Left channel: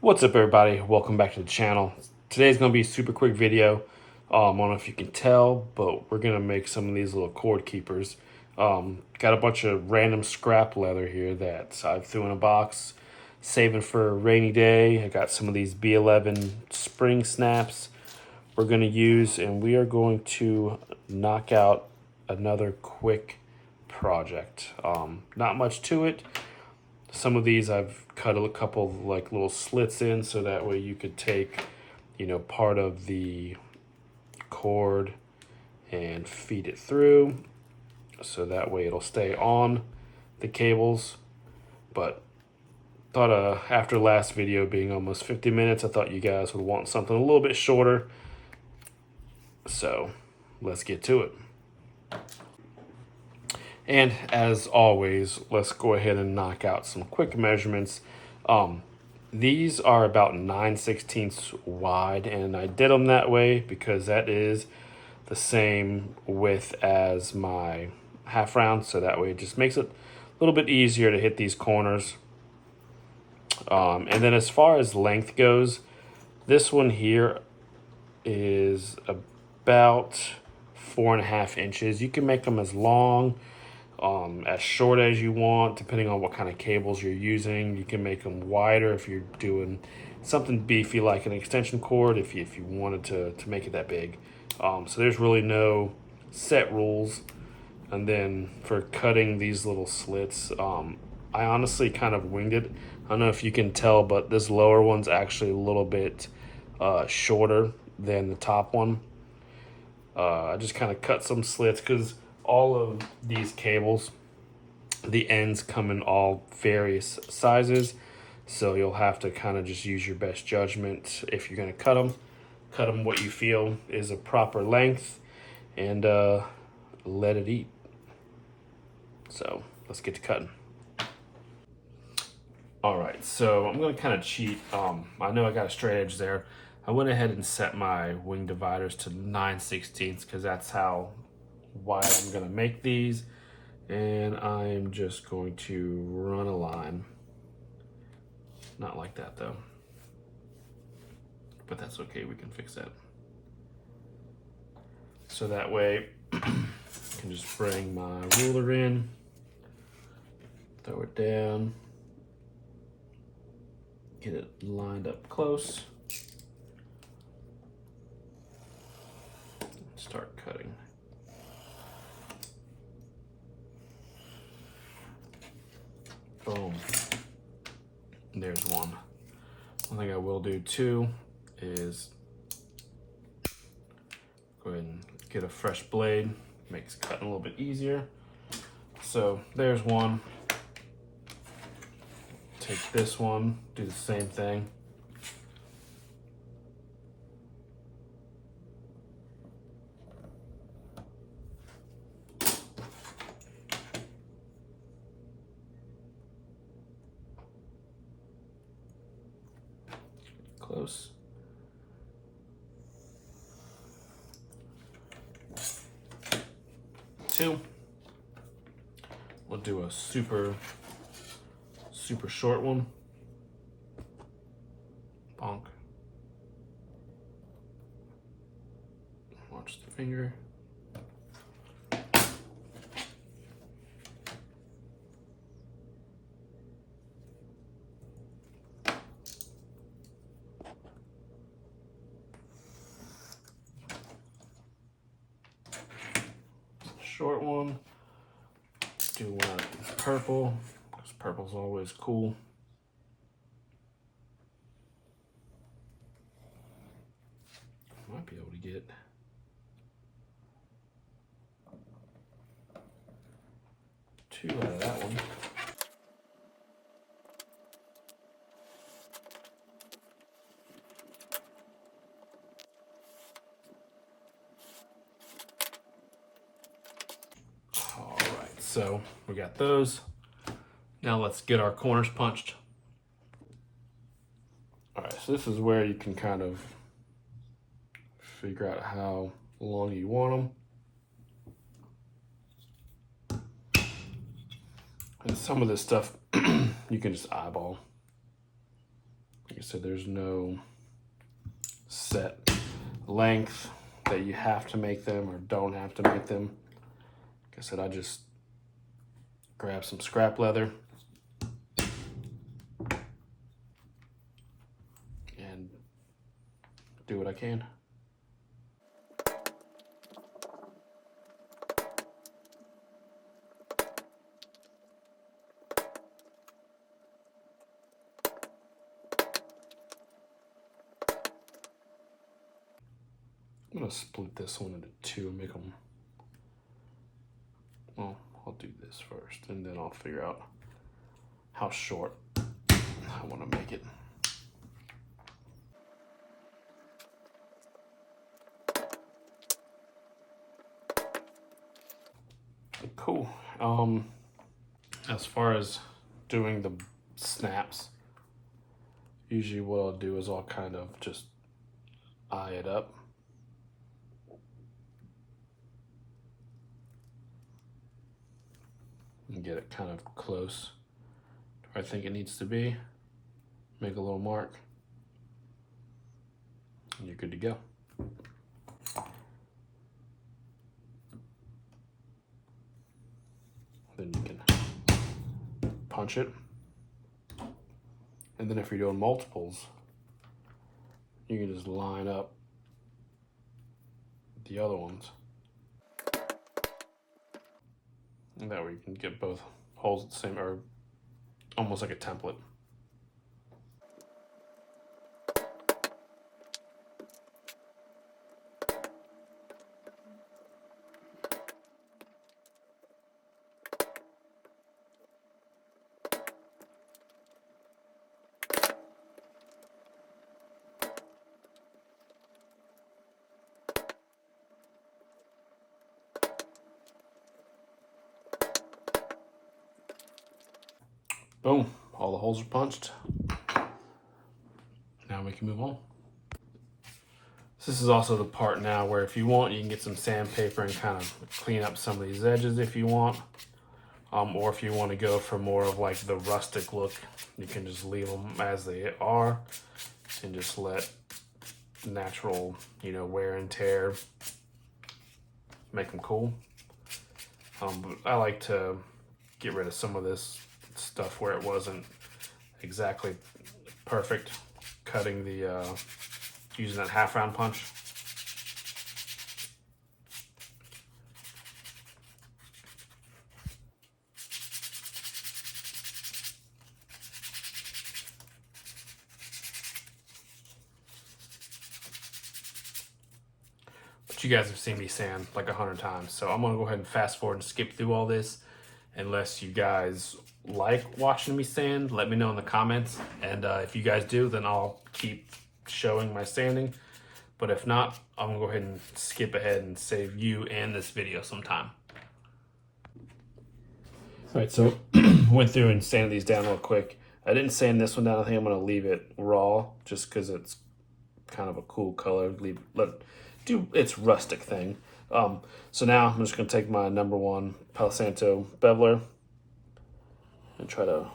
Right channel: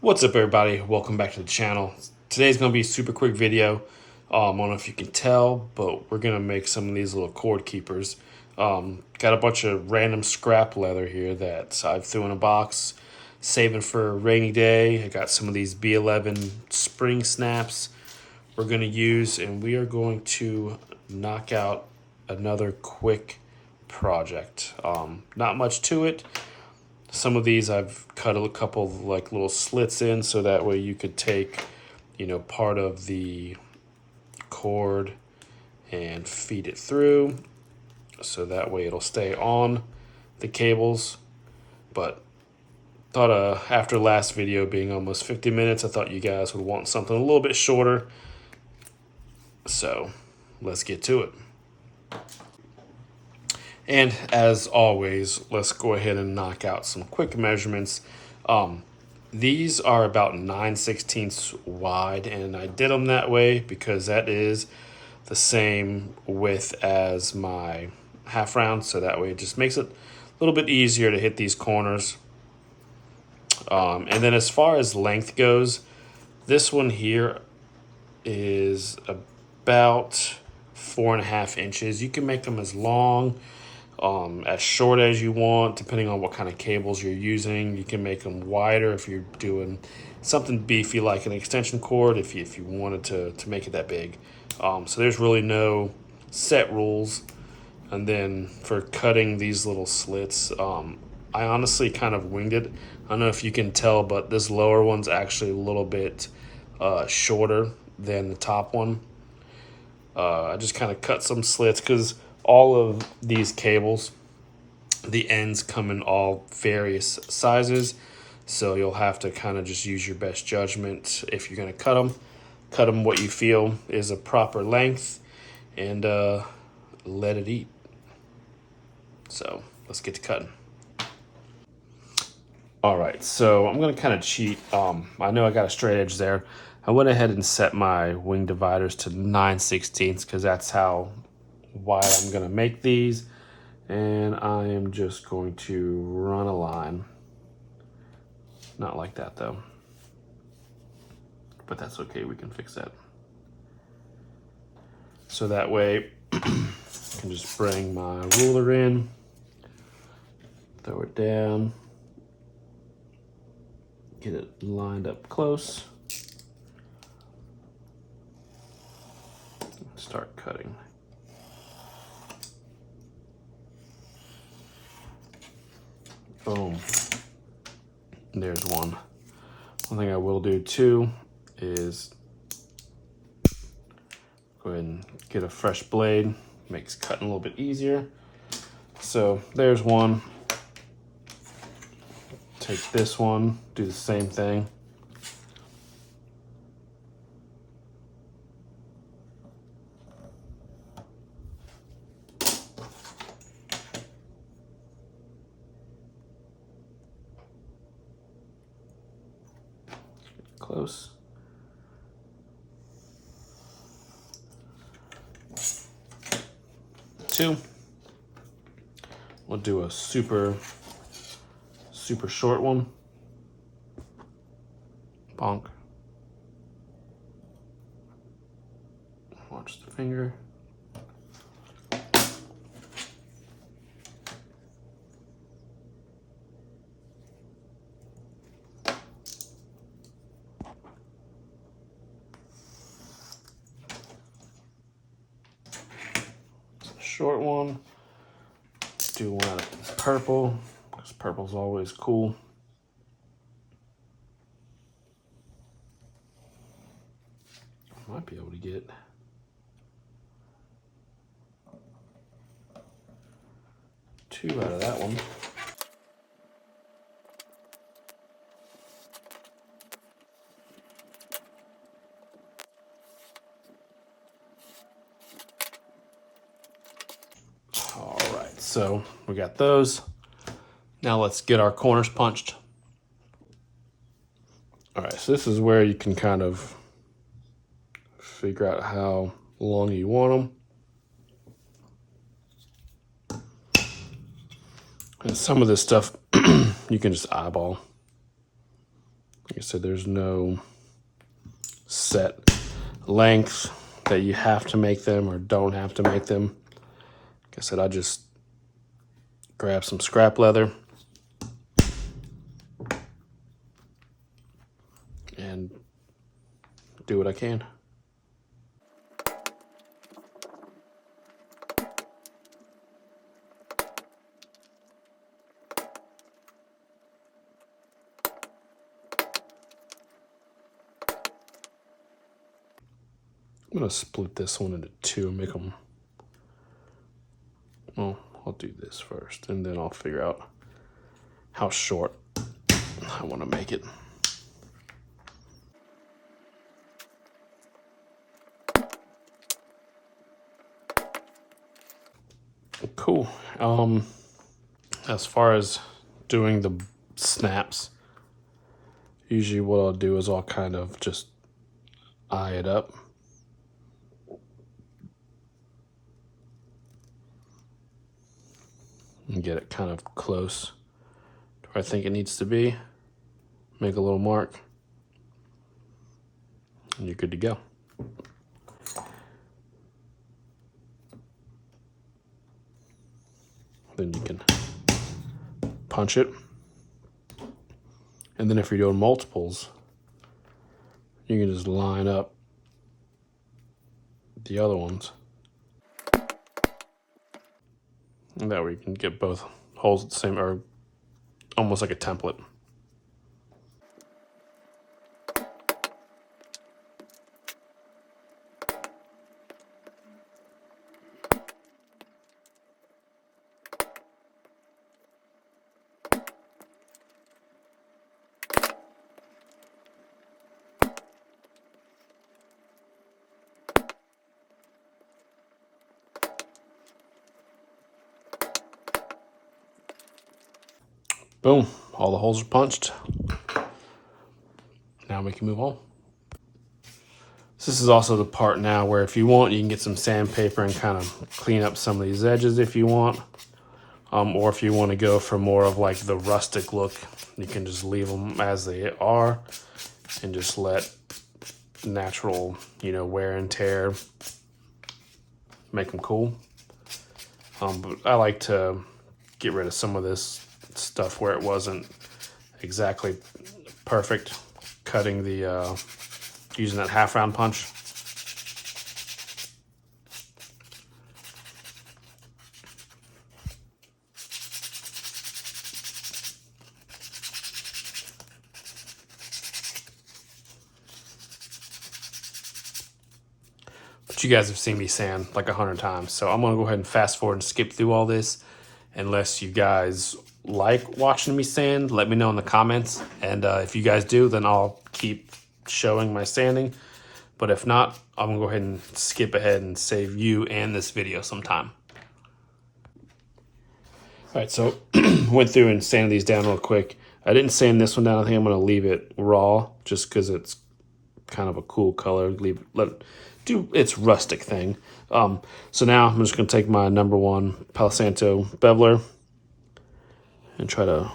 What's up, everybody? Welcome back to the channel. Today's going to be a super quick video. I don't know if you can tell, but we're going to make some of these little cord keepers. Got a bunch of random scrap leather here that I threw in a box, saving for a rainy day. I got some of these B11 spring snaps we're going to use, and we are going to knock out another quick project. Not much to it. Some of these I've cut a couple of like little slits in so that way you could take, part of the cord and feed it through so that way it'll stay on the cables. But thought after last video being almost 50 minutes, I thought you guys would want something a little bit shorter. So let's get to it. And as always, let's go ahead and knock out some quick measurements. These are about 9/16 wide, and I did them that way because that is the same width as my half round, so that way it just makes it a little bit easier to hit these corners. And then as far as length goes, this one here is about 4.5 inches. You can make them as long, as short as you want, depending on what kind of cables you're using. You can make them wider if you're doing something beefy like an extension cord, if you wanted to make it that big. So there's really no set rules. And then for cutting these little slits, I honestly kind of winged it. I don't know if you can tell, but this lower one's actually a little bit shorter than the top one. I just kind of cut some slits because all of these cables, the ends come in all various sizes. So you'll have to kind of just use your best judgment if you're going to cut them. Cut them what you feel is a proper length and let it eat. So let's get to cutting. All right, so I'm going to kind of cheat. I know I got a straight edge there. I went ahead and set my wing dividers to 9/16 because that's how wide I'm going to make these. And I am just going to run a line. Not like that though. But that's okay, we can fix that. So that way I can just bring my ruler in, throw it down, get it lined up close, start cutting. Boom. There's one. One thing I will do too is go ahead and get a fresh blade. Makes cutting a little bit easier. So there's one. Take this one, do the same thing. Close. Two. We'll do a super short one. Bonk. Watch the finger. Short one. Do one purple, because purple's always cool. Might be able to get two out of that one. So we got those. Now let's get our corners punched. All right, so this is where you can kind of figure out how long you want them. And some of this stuff you can just eyeball. I said, there's no set length that you have to make them or don't have to make them. Like I said, I just grab some scrap leather and do what I can. I'm gonna split this one into two, make them, well, I'll do this first and then I'll figure out how short I wanna make it. Cool. As far as doing the snaps, usually what I'll do is I'll kind of just eye it up. And get it kind of close to where I think it needs to be. Make a little mark. And you're good to go. Then you can punch it. And then if you're doing multiples, you can just line up the other ones. And that way you can get both holes at the same, or almost like a template. Boom, all the holes are punched. Now we can move on. This is also the part now where if you want, you can get some sandpaper and kind of clean up some of these edges if you want. Or if you want to go for more of like the rustic look, you can just leave them as they are and just let natural, wear and tear make them cool. But I like to get rid of some of this stuff where it wasn't exactly perfect, cutting the using that half round punch. But you guys have seen me sand like 100 times, so I'm gonna go ahead and fast forward and skip through all this unless you guys like watching me sand. Let me know in the comments, and if you guys do, then I'll keep showing my sanding. But if not, I'm gonna go ahead and skip ahead and save you and this video some time. All right, so went through and sanded these down real quick. I didn't sand this one down. I think I'm gonna leave it raw just because it's kind of a cool color. Do its rustic thing. So now I'm just gonna take my #1 Palo Santo beveler and try to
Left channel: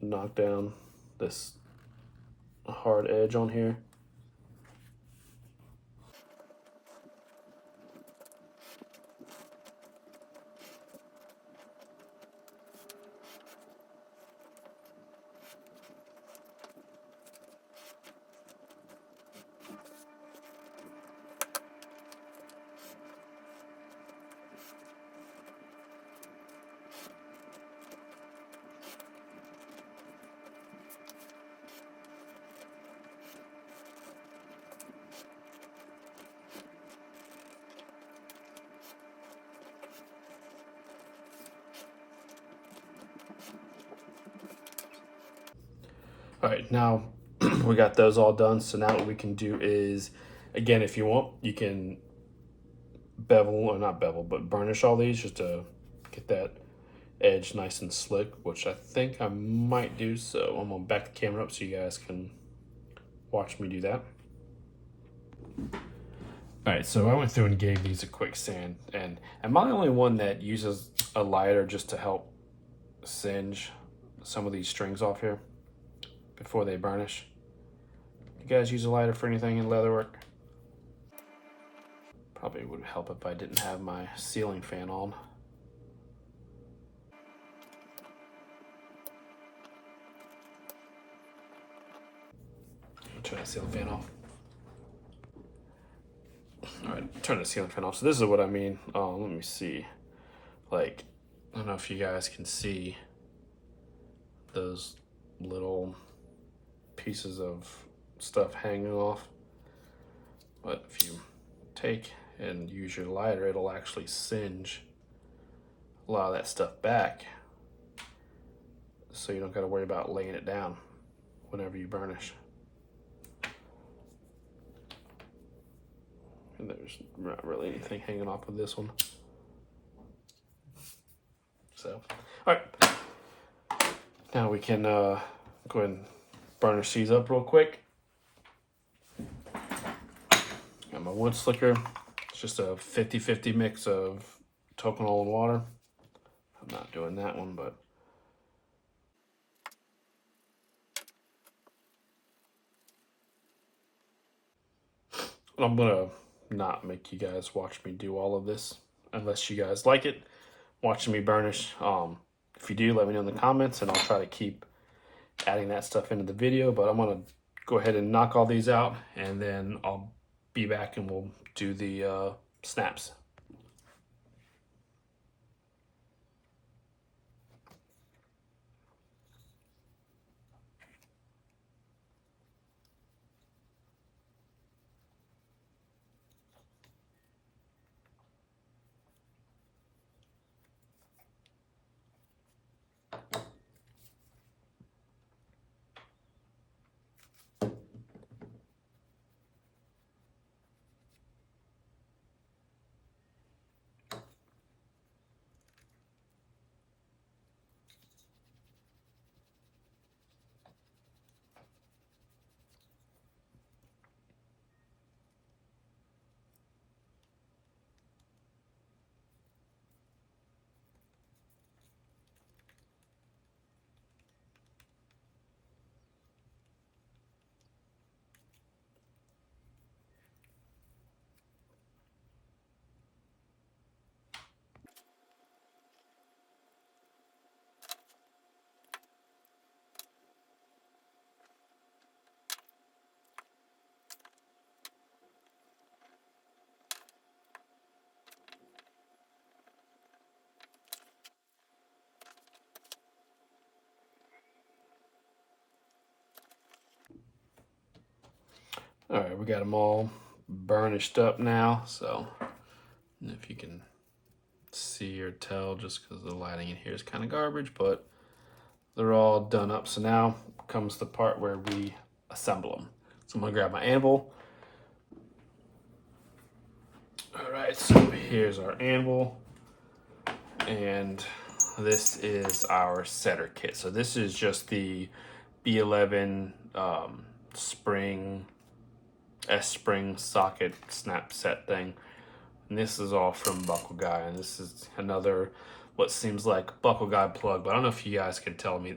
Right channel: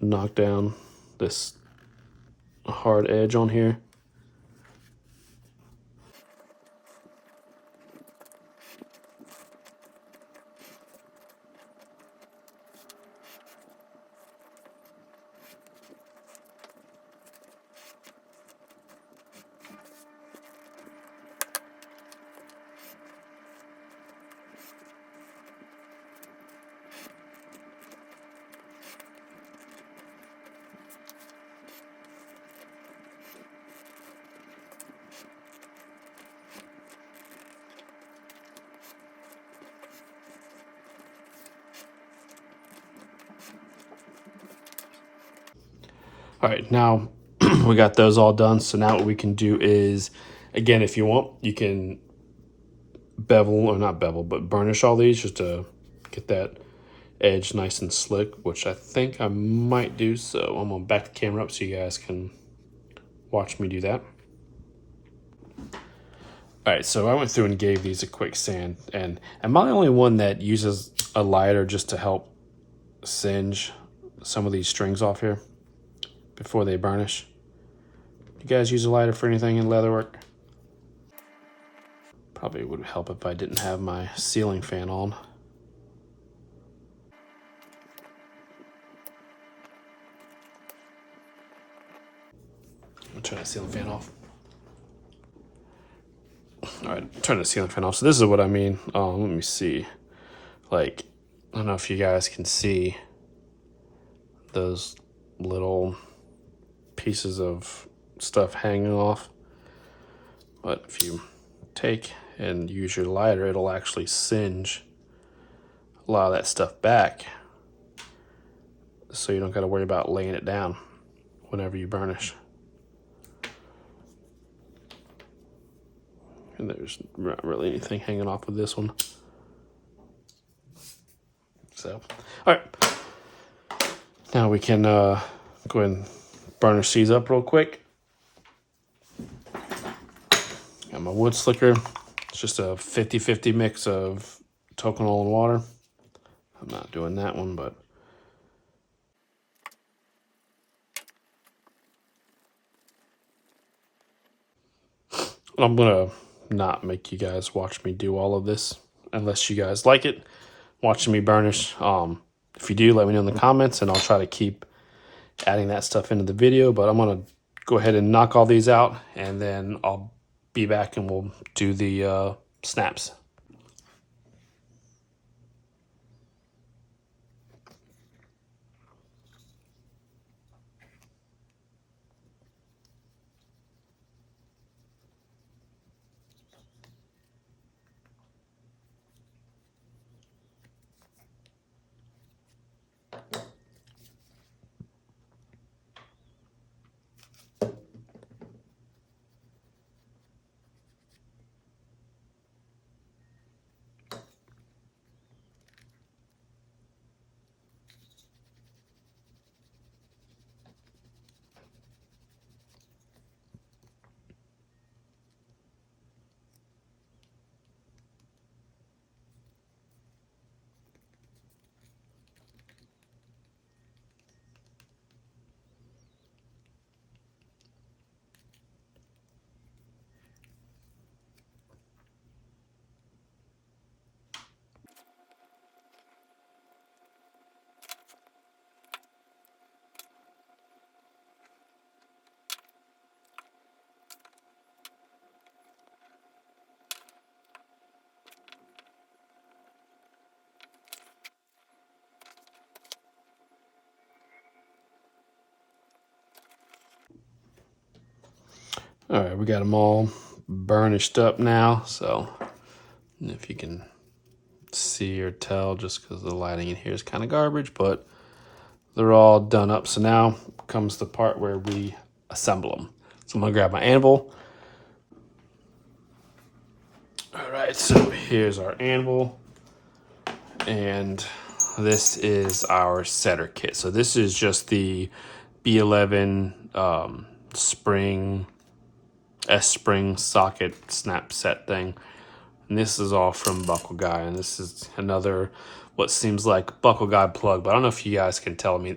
knock down this hard edge on here. All right, now we got those all done. So now what we can do is, again, if you want, you can bevel, or not bevel, but burnish all these just to get that edge nice and slick, which I think I might do. So I'm gonna back the camera up so you guys can watch me do that. All right, so I went through and gave these a quick sand, and am I the only one that uses a lighter just to help singe some of these strings off here before they burnish? You guys use a lighter for anything in leatherwork? Probably would help if I didn't have my ceiling fan on. Turn that ceiling fan off. All right, turn the ceiling fan off. So this is what I mean. Let me see. Like, I don't know if you guys can see those little pieces of stuff hanging off. But if you take and use your lighter, it'll actually singe a lot of that stuff back. So you don't got to worry about laying it down whenever you burnish. And there's not really anything hanging off with this one. So, all right. Now we can go ahead and burnish these up real quick. Got my wood slicker. It's just a 50-50 mix of toconol and water. I'm not doing that one, but I'm gonna not make you guys watch me do all of this unless you guys like it watching me burnish. If you do, let me know in the comments and I'll try to keep adding that stuff into the video, but I'm gonna go ahead and knock all these out and then I'll be back and we'll do the snaps. All right, we got them all burnished up now. So if you can see or tell, just because the lighting in here is kind of garbage, but they're all done up. So now comes the part where we assemble them. So I'm gonna grab my anvil. All right, so here's our anvil. And this is our setter kit. So this is just the B11 spring, S-spring socket snap set thing. And this is all from Buckle Guy. And this is another, what seems like Buckle Guy plug, but I don't know if you guys can tell me.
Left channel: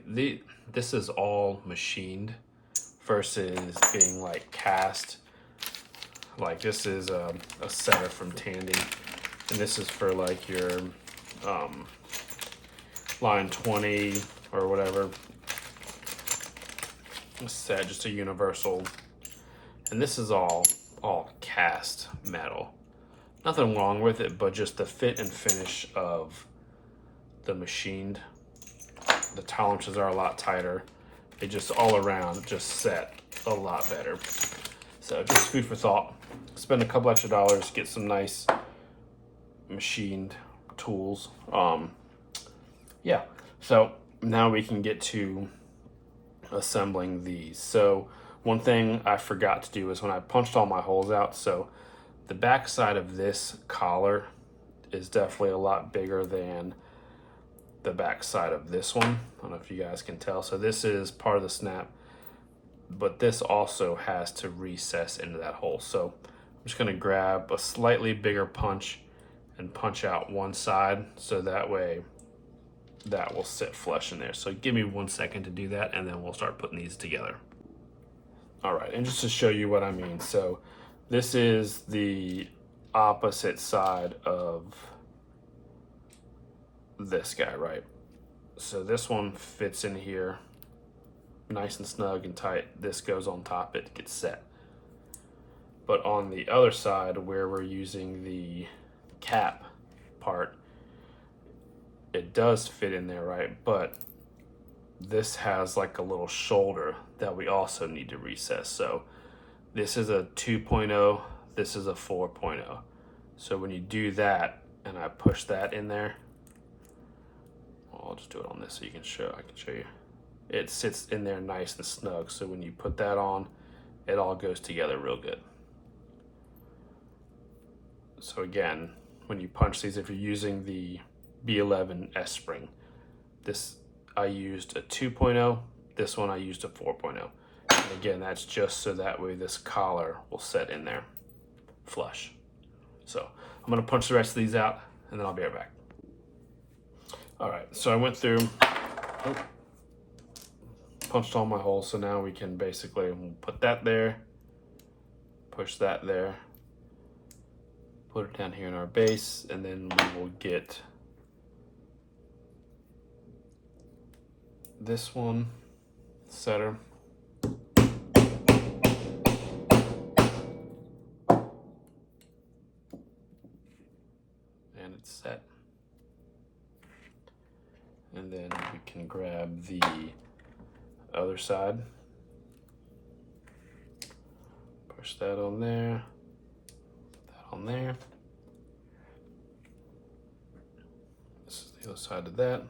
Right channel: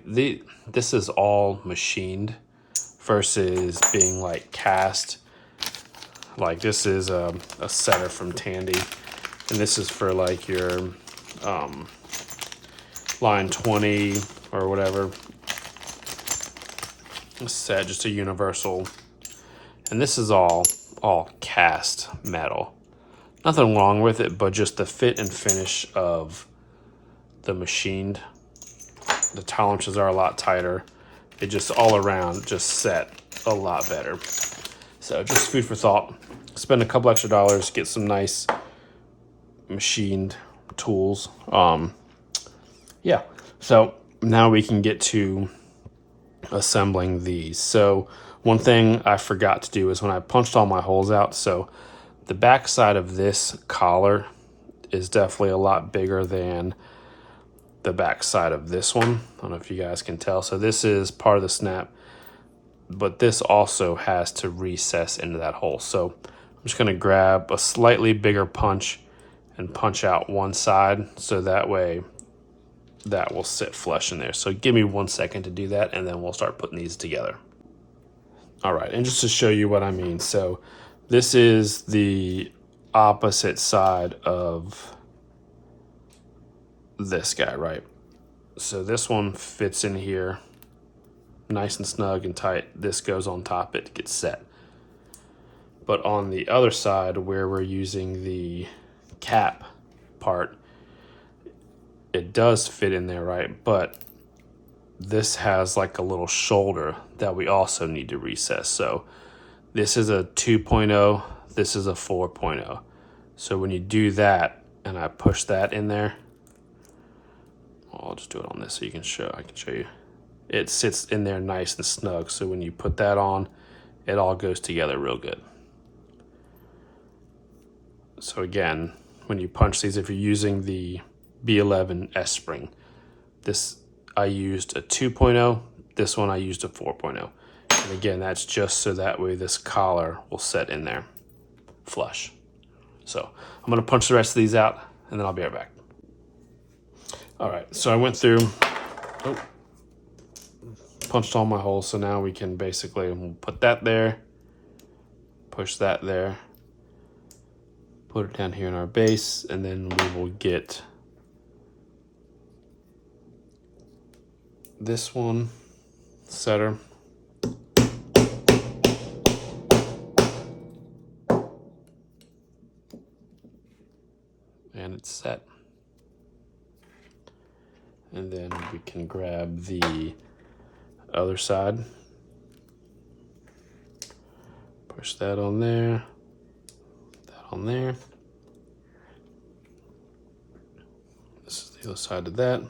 This is all machined versus being like cast. Like this is a setter from Tandy. And this is for like your line 20 or whatever set, just a universal. And this is all cast metal. Nothing wrong with it, but just the fit and finish of the machined. The tolerances are a lot tighter. It just all around just set a lot better. So just food for thought. Spend a couple extra dollars, get some nice machined tools. Yeah, so now we can get to assembling these. So one thing I forgot to do is when I punched all my holes out, so the back side of this collar is definitely a lot bigger than the back side of this one. I don't know if you guys can tell. So this is part of the snap, but this also has to recess into that hole. So I'm just gonna grab a slightly bigger punch and punch out one side so that way that will sit flush in there. So give me 1 second to do that and then we'll start putting these together. All right, and just to show you what I mean, so this is the opposite side of this guy, right? So this one fits in here nice and snug and tight. This goes on top, it gets set. But on the other side where we're using the cap part, it does fit in there, right? But this has like a little shoulder that we also need to recess. So this is a 2.0, this is a 4.0. So when you do that and I push that in there, I'll just do it on this so you can I can show you. It sits in there nice and snug. So when you put that on, it all goes together real good. So again, when you punch these, if you're using the B11 S spring, this I used a 2.0, this one I used a 4.0. And again, that's just so that way this collar will set in there flush. So I'm gonna punch the rest of these out and then I'll be right back. All right, so I went through, punched all my holes, so now we can basically put that there, push that there, put it down here in our base, and then we will get this one setter. And it's set. And then we can grab the other side, push that on there, that on there. This is the other side of that.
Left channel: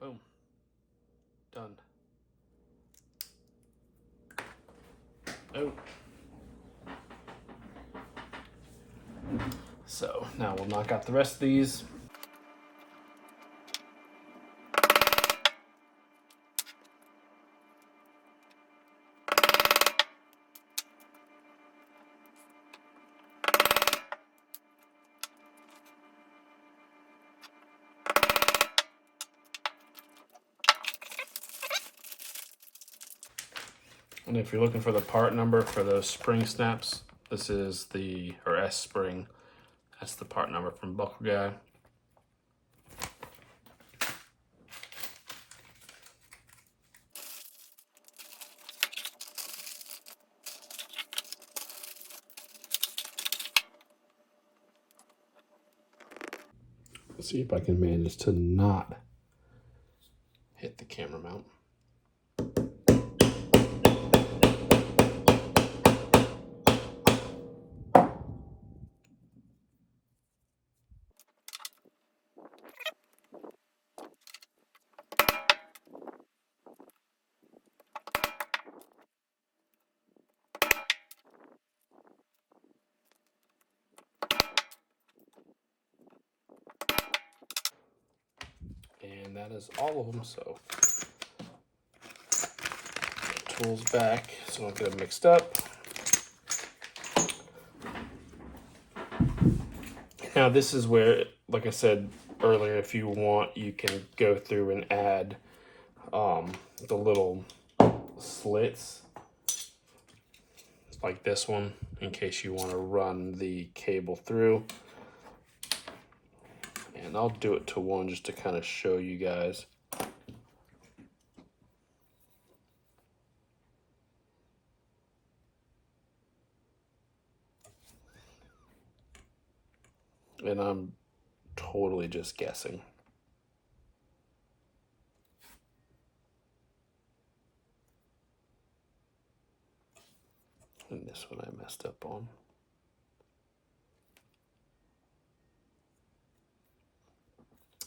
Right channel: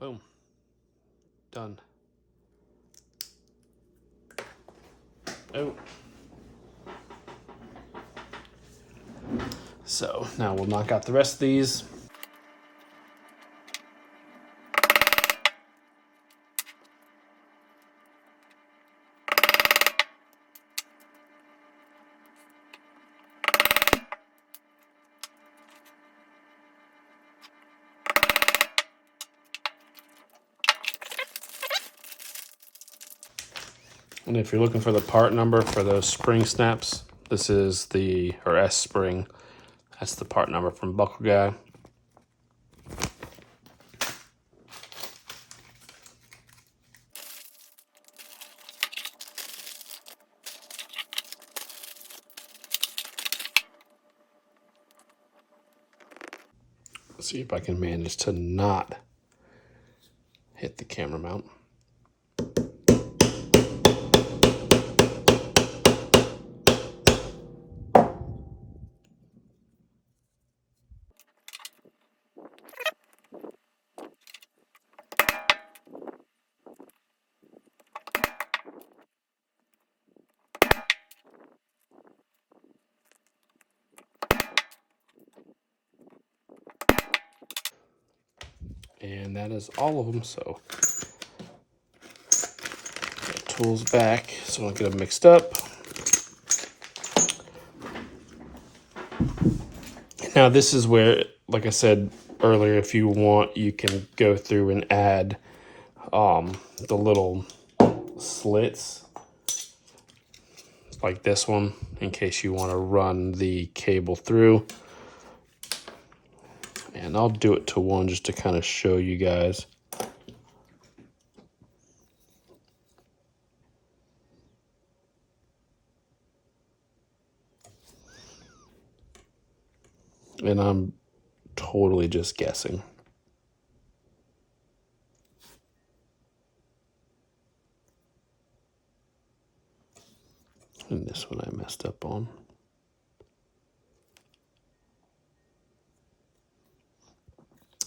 Boom. Done. Oh. So now we'll knock out the rest of these. And if you're looking for the part number for those spring snaps, this is the, or S spring. That's the part number from Buckle Guy. Let's see if I can manage to not hit the camera mount. And that is all of them, so tools back so I don't get them mixed up. Now this is where, like I said earlier, if you want, you can go through and add the little slits like this one in case you want to run the cable through. And I'll do it to one just to kind of show you guys. And I'm totally just guessing. And this one I messed up on.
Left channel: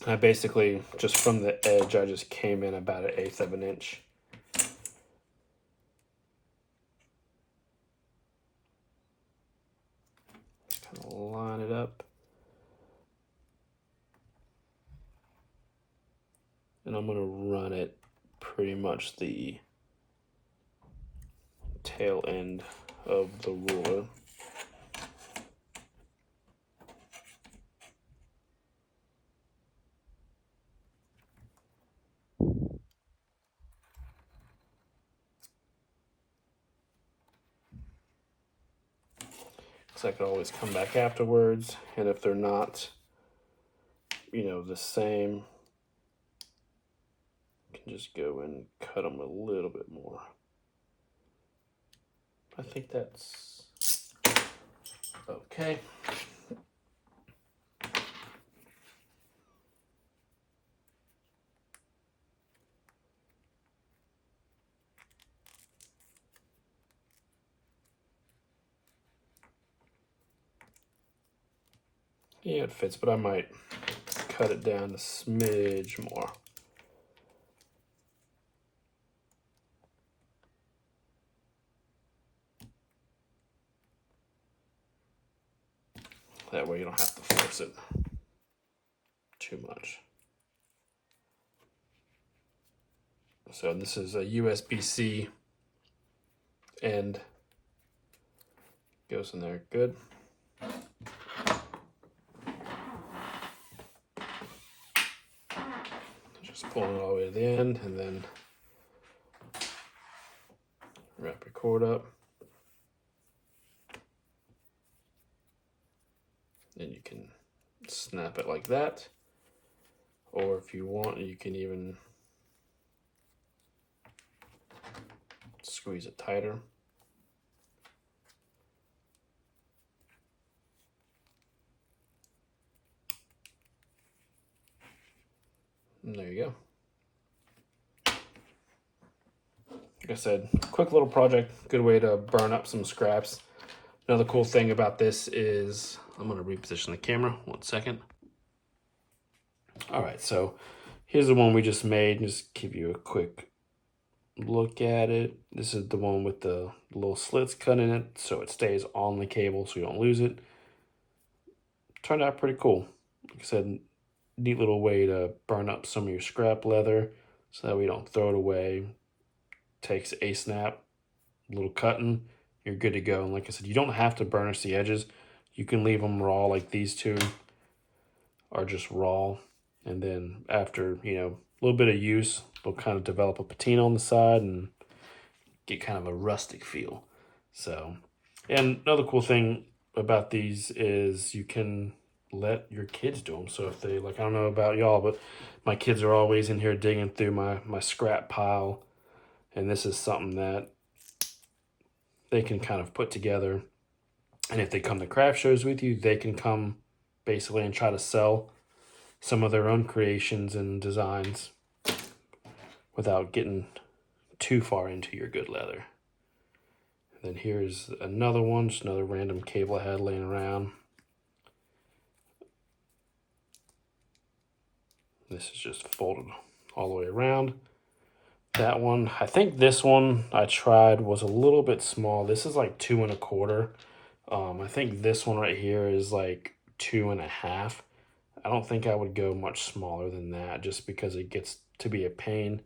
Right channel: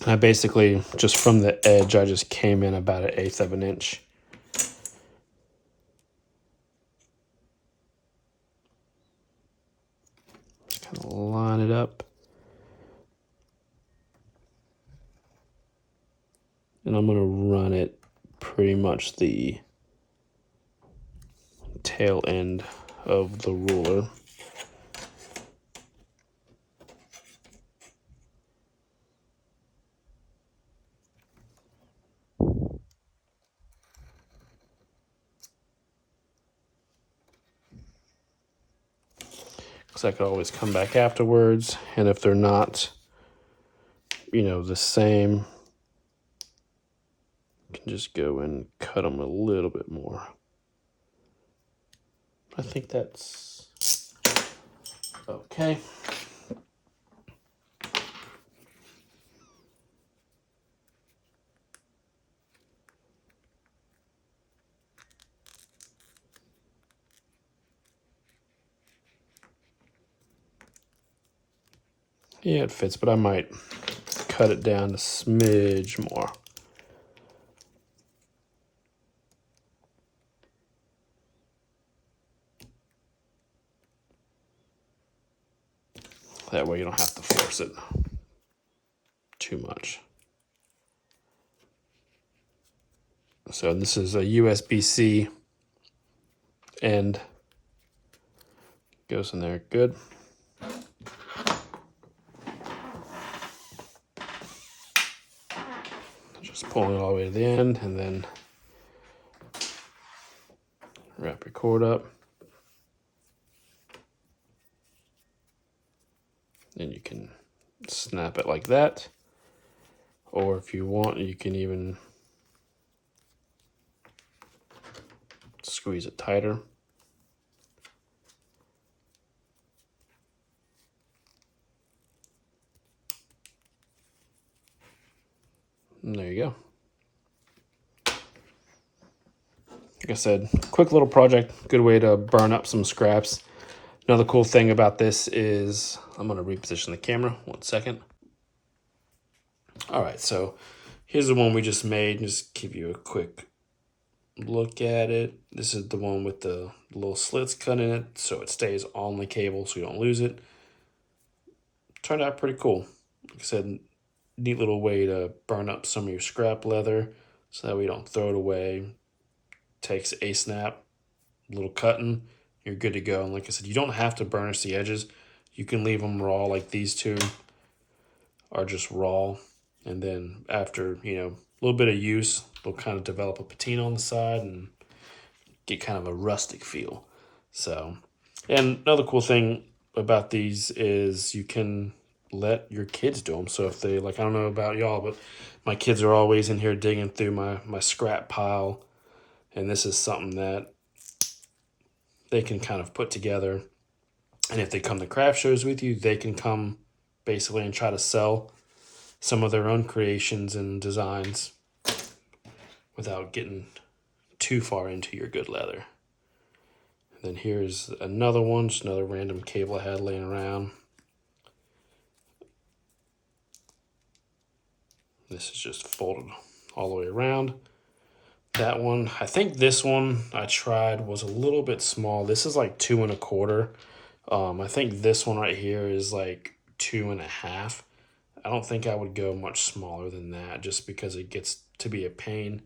I basically, just from the edge, I just came in about 1/8 of an inch. Just kind of line it up. And I'm going to run it pretty much the tail end of the ruler. because I could always come back afterwards. And if they're not, the same, I can just go and cut them a little bit more. I think that's okay. Yeah, it fits, but I might cut it down a smidge more. That way you don't have to force it too much. So this is a USB-C end. Goes in there good. Just pulling it all the way to the end and then wrap your cord up. And you can snap it like that. Or if you want, you can even squeeze it tighter. And there you go. Like I said, quick little project, good way to burn up some scraps. Another cool thing about this is, I'm gonna reposition the camera, 1 second. All right, so here's the one we just made. Just give you a quick look at it. This is the one with the little slits cut in it, so it stays on the cable so you don't lose it. Turned out pretty cool. Like I said, neat little way to burn up some of your scrap leather so that we don't throw it away. Takes a snap, a little cutting, you're good to go. And like I said, you don't have to burnish the edges. You can leave them raw, like these two are just raw. And then after, a little bit of use, they'll kind of develop a patina on the side and get kind of a rustic feel. So, and another cool thing about these is you can let your kids do them. So if they, like, I don't know about y'all, but my kids are always in here digging through my scrap pile. And this is something that they can kind of put together. And if they come to craft shows with you, they can come basically and try to sell some of their own creations and designs without getting too far into your good leather. And then here's another one, just another random cable I had laying around. This is just folded all the way around. That one, I think this one I tried was a little bit small. This is like 2 1/4. I think this one right here is like 2 1/2. I don't think I would go much smaller than that just because it gets to be a pain.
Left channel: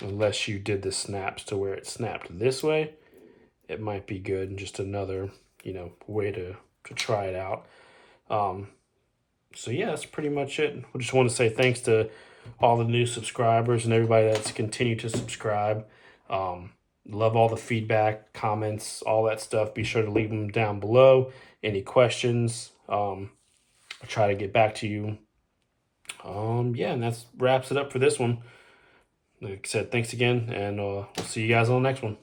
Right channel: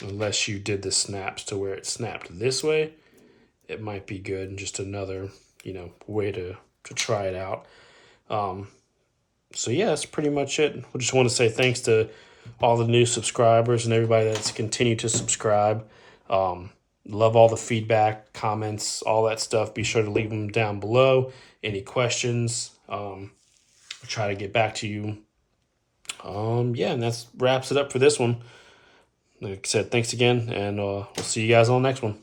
Unless you did the snaps to where it snapped this way, it might be good. And just another, way to try it out. So yeah, that's pretty much it. We just want to say thanks to all the new subscribers and everybody that's continued to subscribe. Love all the feedback, comments, all that stuff. Be sure to leave them down below. Any questions, I'll try to get back to you. Yeah, and that wraps it up for this one. Like I said, thanks again, and we'll see you guys on the next one.